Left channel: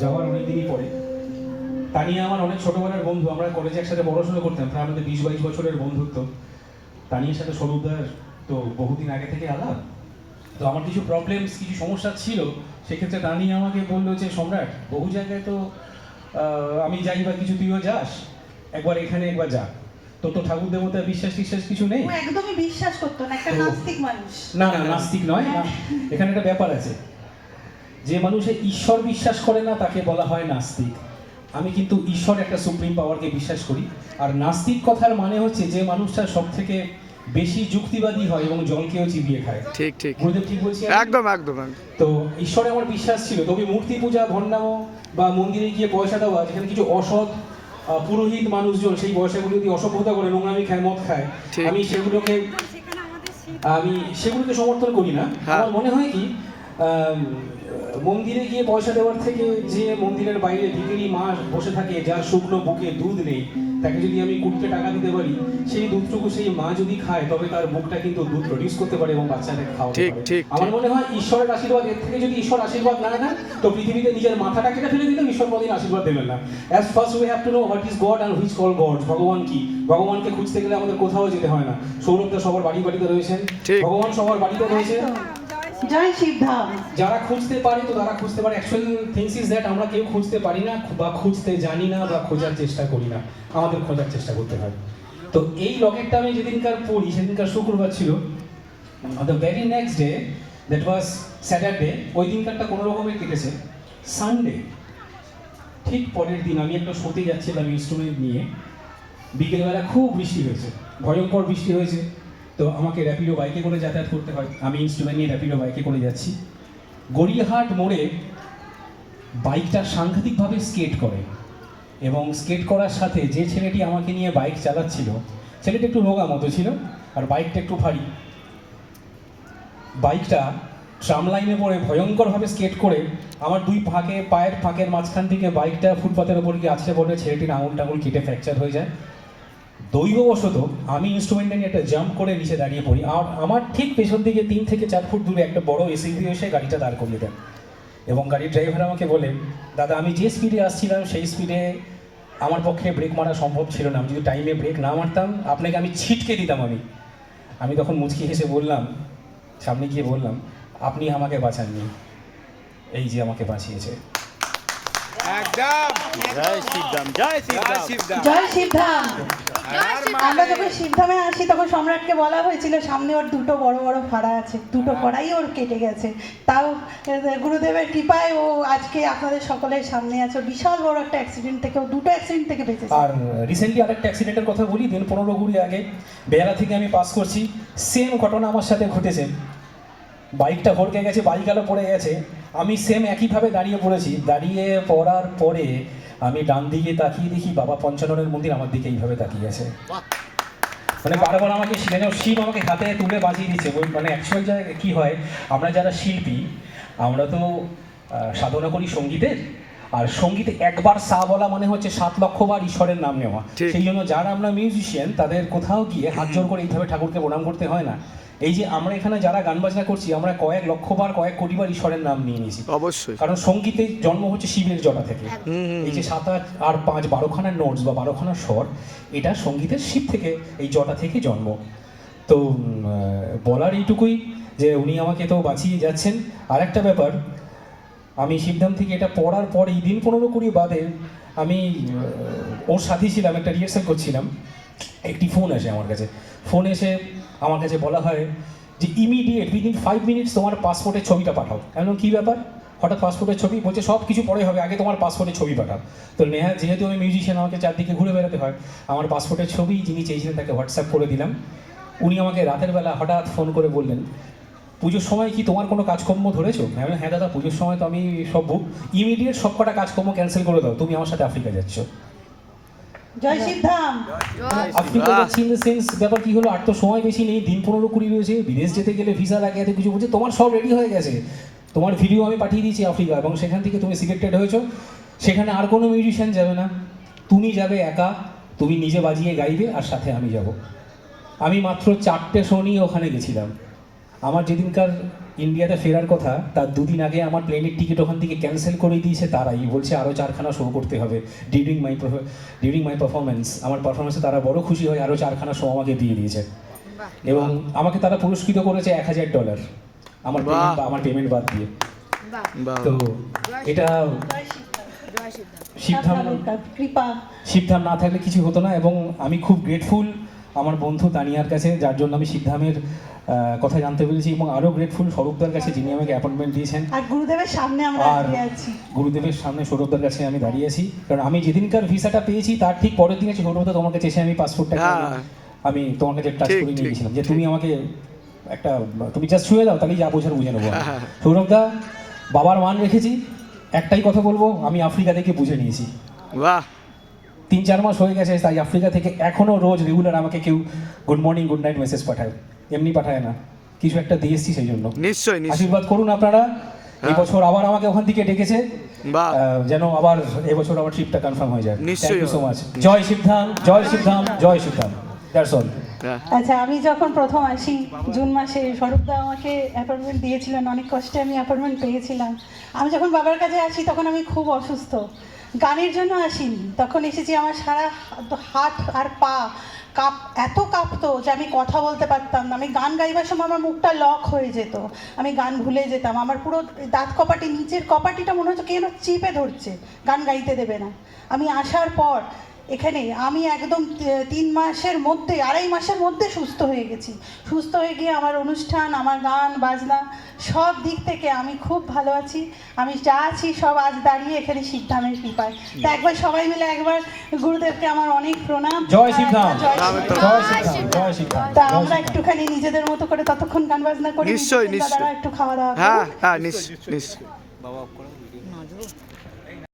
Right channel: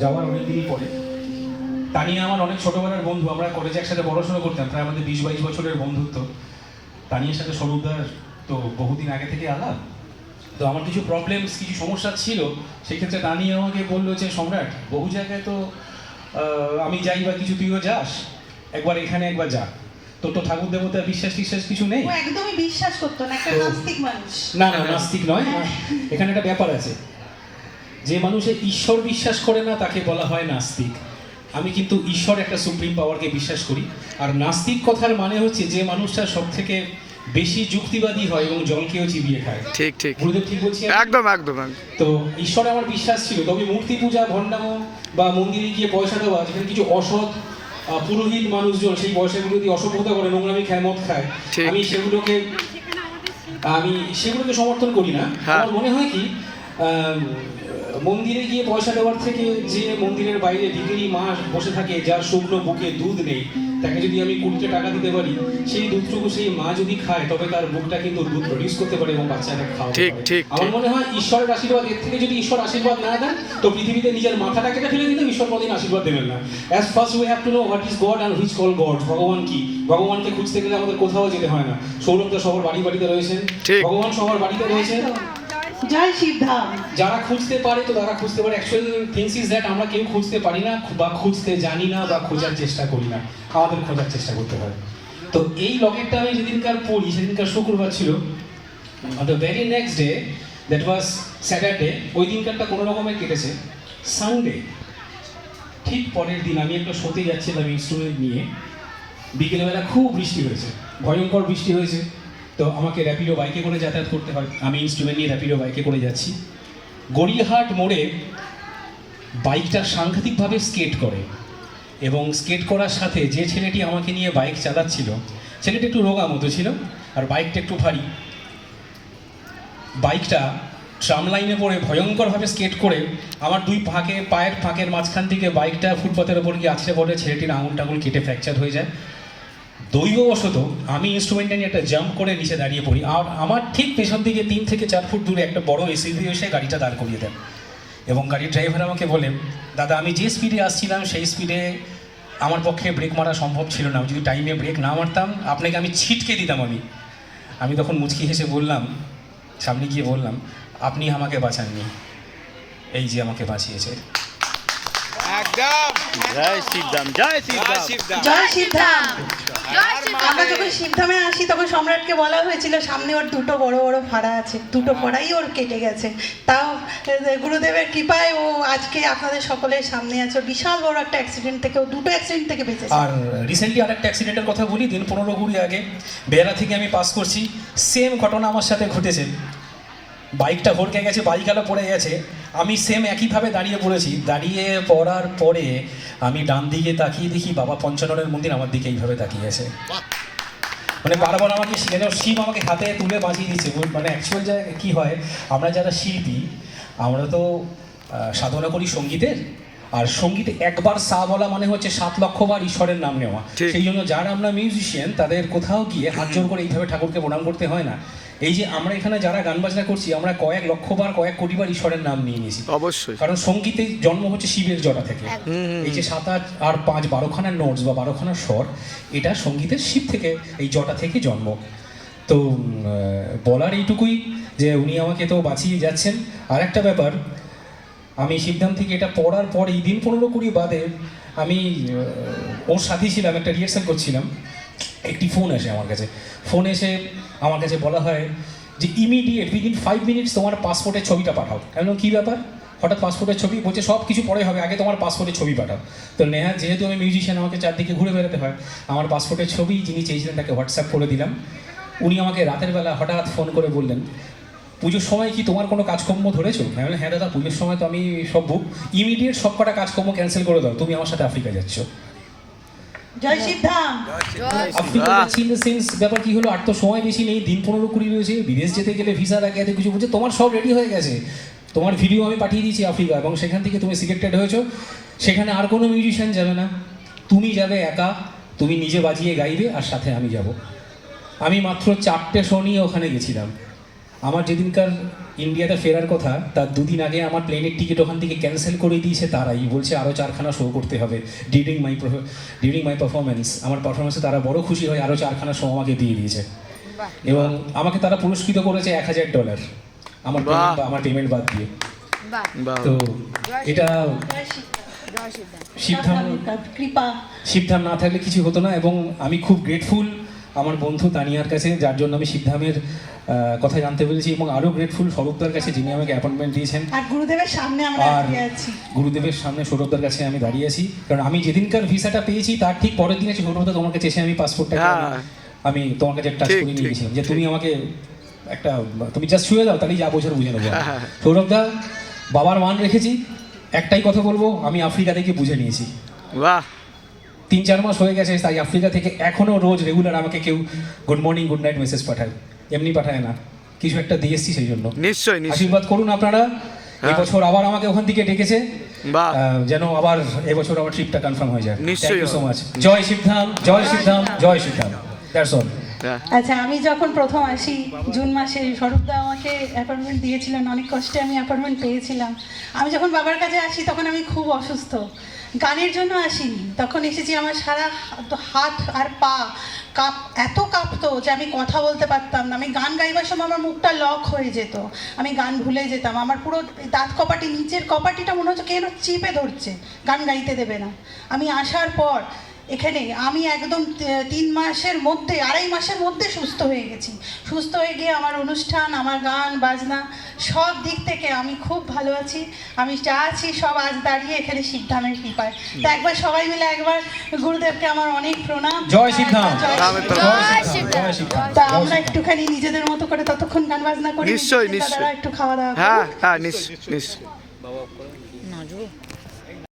যাওয়ার অনেকদিনই পরে। তানিয়া আমার অনেক ছোটবেলার বন্ধু আমরা কলেজে একসাথে পড়াশোনা করতাম প্রায় আমাদের বিশ বাইশ বছরের বন্ধুত্ব। তানিয়ার সাথে স্বরূপদার তো বহুদিন আগে থেকে আলাপ। তো আমার কিছু প্রবলেমস কিছু সমস্যা ছিল সেক্ষেত্রে তানিয়া আমাকে বলল যে সম্রাট বহু জায়গায় তো আমি যাই বা কিছু তুইও যাস। একবার এখানে একবার যা। তোর তো ঠাকুর দেবতার বিশ্বাস টিশ্বাস কিছু নেই? একদমই বিশ্বাস করতো না একটা নাস্তিক মানুষ। না না নাস্তিক নয়। হ্যাঁ। এখানে একটা ব্যাপার আছে। যে মানুষে ঈশ্বর বিশ্বাস করে না তাকে বলা হয় নাস্তিক। আমি কিন্তু ঈশ্বর একটা সুপ্রিম পাওয়ারকে বিশ্বাস করি। আর নাস্তিক কথার মানে হচ্ছে যে মানুষটা সব থেকে বেশি যুক্তিবাদী হয় এবং জলকেও চিবিয়ে খায়। ঠিক ঠিক। গুরুদেব ঠিক বলছি একদম একদম তো ঈশ্বরে আমার বিশ্বাস ছিল। তবে মূর্তি পূজা ভণ্ডামো বা মন্দিরে গিয়ে পয়সা দেওয়া যেখানে কিছু অসৎ পুরোহিত মানুষজন সেই বয়সেগুলো যদি অসভ্যতা করে নোংরামি খায় মদ খায়। আমি সেগুলোকে আমি সেগুলোকে সমর্থন করি না। হ্যাঁ। আমার মনে হয় কি মন্দিরে গিয়ে পয়সা দেওয়ার থেকে যে মন্দিরের বাইরে ভিখারি মা বসে থাকে যার শুকনো বুকে দুধ নেই তাকে যদি আমি কুড়িটা টাকা দিতে পারি সেই দুধটুকু সেই মা যদি খায় তবে তার বুকটা কিন্তু দুধ প্রডিউস করতে পারে এবং বাচ্চাকে খাওয়াতে ঠিক, পারে। ঠিক, আমার মনে হয় ঈশ্বরের আশীর্বাদ এর থেকে যদি ঈশ্বর আশীর্বাদ না দেন তো পৃথিবীতে নিজের মাথাটা কেটে ফেলে দিলে ঈশ্বর কোনোদিন আশীর্বাদ দেবেন না। As first we have to know what is God and which call God ভগবান কি? ভগবানকে খুঁজতে গেলে আমাদের কোথাও যেতে হয় না। সৌরভ তো সবার বাড়ি বাড়িতে রয়েছেন। ভগবান সবার বাড়িতে রয়েছেন। জয় শিবধাম যারা খুঁজতে পারে তো তারা খুঁজতে পারে। অ্যাকচুয়ালি থিংস ইজ দ্যাট আমরা কেউ খুঁজতে পারি না বা খুঁজতে জানি না বা খোঁজার চেষ্টা করি না। আমাদের খোঁজার চেষ্টা করতে হয়। তো এই লকেটটা আমি যেদিনকার পড়ি সেদিনকার শুক্রবার ছিল। The very next day that was Saturday ওই দিনকারটা কোনো রকমের কেটেছে। সানডে ঠিক পরের দিন আমি একটা শোতে যাচ্ছিলাম ইনস্ট্রুমেন্ট নিয়ে। বিকেলবেলা খুব বৃষ্টি হয়েছে। ভয়ঙ্কর বৃষ্টি হয়েছে। তো আমাকে র্যাপিডো বাইকে করে যাতায়াত করতে হয়। আমি ইনস্ট্রুমেন্ট নিয়ে র্যাপিডো বাইকে করে যাচ্ছি। গড়িয়াহাট মোড়ে বাইকটা সাংঘাতিকভাবে স্কেট করে এবং স্কেট করার সাথে যে ছেলেটি আমাকে নিয়ে বাইক চালাচ্ছিল, ছেলেটা একটু রোগা মতো ছিল আর বাইকটা একটু ভারী। বাইকটা ট্রাম লাইনে পড়ে ভয়ঙ্করভাবে স্কেট করে আমার দুই ফাঁকে, পায়ের ফাঁকের মাঝখান থেকে বাইকটা ফুটপাতের ওপর গিয়ে আছড়ে পড়ে, ছেলেটির আঙুল টাঙুল কেটে ফ্র্যাকচার হয়ে যায়। দৈববশত আমি ইনস্ট্রুমেন্টটা নিয়ে একটা জাম্প করে নিচে দাঁড়িয়ে পড়ি। আর আমার ঠিক পেছন দিকে তিন থেকে চার ফুট দূরে একটা বড় এসইভি এসে গাড়িটা দাঁড় করিয়ে দেন এবং গাড়ির ড্রাইভার আমাকে বলে, দাদা, আমি যে স্পিডে আসছিলাম, সেই স্পিডে আমার পক্ষে ব্রেক মারা সম্ভব ছিল না। যদি টাইমে ব্রেক না মারতাম, আপনাকে আমি ছিটকে দিতাম আমি। আমি তখন মুচকি হেসে বললাম, সামনে গিয়ে বললাম, আপনি আমাকে বাঁচাননি। এই যে আমাকে বাঁচিয়েছে। জয় শিবদাম জয় শিবদাম জয় শিবধাম আমরা যখন শিবধামে আসি তখন সম্রাটকে বলা হয়েছিল সামনে ওর দুটো বড় বড় ফাড়া আছে। দুটো ফড়াই ওর কেটে গেছে। তাও গুরুদেবের কৃপায় ও আজকে আপনাদের সকলের সামনে আছে। বিশাল বড় একটা অ্যাক্সিডেন্ট থেকে ও দুটো অ্যাক্সিডেন্ট থেকে বেঁচেছে। আর রিসেন্টলি আরেকটা অ্যাক্সিডেন্টের কথা বলি দিন পনেরো কুড়ি আগে বেহালা থেকে আমি পাস করছি। সেম ঘটনা আমার সাথে ঘটেছে। বাইকটা ভরকে গেছে বাইকালো পড়ে গেছে। আমি সেম একইভাবে দাঁড়িয়ে পড়েছি। দাঁড়িয়ে পড়ার পরে আমি ডান দিকে তাকিয়ে দেখি বাবা পঞ্চাননের মন্দির আমার দিকে এইভাবে তাকিয়েছে মানে বারবার আমাকে যেন শিব আমাকে হাতে তুলে বাঁচিয়ে দিচ্ছে। বল- মানে অ্যাকচুয়াল জায়গায় কী হয় আমরা যারা শিল্পী আমরা তো সাধনা করি সঙ্গীতের। আর সঙ্গীতে একবার সা বলা মানে হচ্ছে সাত লক্ষ বার ঈশ্বরের নাম নেওয়া। সেই জন্য যারা আমরা মিউজিশিয়ান তাদের কোথাও গিয়ে হাত জোর করে এইভাবে ঠাকুরকে প্রণাম করতে হয় না। এই যে আমরা এখানে যারা গান বাজনা করছি আমরা কয়েক লক্ষ বার কয়েক কোটি বার ঈশ্বরের নাম নিয়ে নিয়েছি। অবশ্যই। কারণ সঙ্গীতে জন্ম হচ্ছে শিবের জটা থেকে। এই যে সাত আট আর পাঁচ বারোখানা নোটস বা বারোখানা স্বর এটা সঙ্গীতের শিব থেকে এই জটা থেকে জন্ম। তো বলার এইটুকুই যে উনি আমাকে তো বাঁচিয়ে যাচ্ছেন। আর একটা ব্যাপার আমি সিদ্ধান্ত থেকে এটা পড়ার পর এই দিন পনেরো কুড়ি বাদে আমি ওর সাথেই ছিলাম, একটা রিহার্সাল করছিলাম। একটি ফোন আসে আমার কাছে। ফোন এসে আমার কাছে বলা হয় যে ইমিডিয়েট উইদিন ফাইভ মিনিটস তোমার পাসপোর্টের ছবিটা পাঠাও। কেন কী ব্যাপার? হঠাৎ পাসপোর্টের ছবি? বলছে, সব কিছু পরে হবে, আগে তোমার পাসপোর্টের ছবি পাঠাও। তো নেহা, যেহেতু আমি মিউজিশিয়ান আমাকে চারদিকে ঘুরে বেড়াতে হয়, আমার পাসপোর্টের ছবি যিনি চেয়েছিলেন তাকে হোয়াটসঅ্যাপ করে দিলাম। উনি আমাকে রাতের বেলা হঠাৎ ফোন করে বললেন পুজোর সময় কি তোমার কোনো কাজকর্ম ধরেছো? আমি বললাম, হ্যাঁ দাদা পুজোর সময় তো আমি সব বুক ইমিডিয়েট সব কটা কাজকর্ম ক্যান্সেল করে দাও তুমি আমার সাথে আফ্রিকা যাচ্ছ। জয় শিবধাম আফ্রিকা যাচ্ছি ইন দ্য সেন্স ব্যাপার কি হলো আর তো সময় বেশি নেই দিন পনেরো কুড়ি রয়েছে বিদেশ যেতে গেলে ভিসা লাগে এত কিছু বলছে তোমার সব রেডি হয়ে গেছে। তোমার ভিডিও আমি পাঠিয়ে দিয়েছি আফ্রিকা এবং সেখান থেকে তুমি সিলেক্টেড হয়েছো। সেখানে আর কোনো মিউজিশিয়ান যাবে না। তুমি যাবে একা তুমি নিজে বাজিয়ে গাইবে আর সাথে আমি যাব। আমি মাত্র চারটে শো নিয়ে ওখানে গেছিলাম। আমার যেদিনকার ইন্ডিয়াতে ফেরার কথা তার দুদিন আগে আমার প্লেনের টিকিট ওখান থেকে ক্যান্সেল করে দিয়েছে তারাই। বলছে আরও চারখানা শো করতে হবে during my during my performance আমার পারফরমেন্সে তারা বড় খুশি হয়ে আরও চারখানা শো আমাকে দিয়ে দিয়েছে। এবং আমাকে তারা পুরস্কৃত করেছে এক হাজার ডলার আমার আমার পেমেন্ট বাদ দিয়ে। তো এটা শিবধাম কৃপা। শিবধাম না থাকলে কিছু হতো না এবং আমি খুব গ্রেটফুল আমার বন্ধু তানিয়ার কাছে যার জন্য আমি শিবধামের কথা জানতে পেরেছি এবং আরও গ্রেটফুল স্বরূপদার কাছে যিনি আমাকে অ্যাপয়েন্টমেন্ট দিয়েছেন। আর গুরুদেবের সামনে আমরা আর দাঁড়িয়ে আছি। গুরুদেবের সামনে সৌরভদার কাছে আমি দাঁড়িয়ে আছি। কারণ আমি যেদিনকার ভিসাটা পেয়েছি তার ঠিক পরের দিন দিনে সৌরভদা তোমার কাছে এসে আমি পাসপোর্টটা হ্যাঁ। আমি তোমার কাছে টাচ করে নিয়ে গেছিলাম যে তুমি আমাকে একটা তুমি জাস্ট শুয়ে দাও তাহলেই যা বোঝার বুঝে নেব। হ্যাঁ। সৌরভদা বাবার মান রেখেছি। একটাই কথা বলব আমি আফ্রিকা থেকে বুঝে নিয়েছি। বাহ। তিন চার মাস হয়ে গেছে তাই আফ্রিকা থেকে এখনও রোজ রেগুলার আমাকে কেউ good morning good night message পাঠায়। এমনি পাঠায় না। কিছু একটা দিয়ে এসছি সেই জন্য। নিশ্চয়ই আশীর্বাদ করুন আপনারা। হ্যাঁ। এবছর আবার আমাকে ওখান থেকে ডেকেছে। বাহ। যেন আবার এবছর আমার ট্রিপটা কনফার্ম হয়ে যায়। নিশ্চয়ই so much Jai Shivdham Jai Shivdham Jai Shivdham that's all আচ্ছা আমি যখন প্রথম আসি জুন মাসে স্বরূপদা আমাকে অ্যাপয়েন্টমেন্ট দিয়েছিলেন। অনেক কষ্টে আমি অ্যাপয়েন্টমেন্ট পেয়েছিলাম। আমি যখন বাবার কাছে আসি তখন আমি খুব অসুস্থ। গানের জন্য আসিনি। তখন এসেছি আমার সারা হাত- আর পা কাঁপ, এত কাঁপতো যে আমি কথা বলতে পারতাম না। আমি গান গাইবার সময় আমার মুখটা লক হয়ে যেত। আমি গান ভুলে যেতাম। আমার পুরো দাঁত কপাটি, নিচের কপাটিটা মনে হচ্ছে কেন চেপে ধরছে। গান গাইতে দেবে না। আমি আসার পর এখানে আমি একদম তিন মাসের মধ্যে আড়াই মাসের মধ্যে সুস্থ হয়ে গেছি। সুস্থ হয়ে গিয়ে আমার অনুষ্ঠান আমার গান বাজনা সব দিক থেকে আমি খুব ভালো আছি। আমি যা আছি সব আজ দাঁড়িয়ে এখানে সিদ্ধামের কৃপায়। তা একবার সবাই মিলে একবার গুরুদেবকে আমার অনেক প্রণাম। জয় সিদ্ধাম। তা আমরা একটুখানি নিজেদের মতো করে ততক্ষণ গান বাজনা করি। নিশ্চয়ই, নিশ্চয়ই। একটু খাওয়া দাওয়া হ্যাঁ হ্যাঁ নিশ্চয়ই নিশ্চয়ই।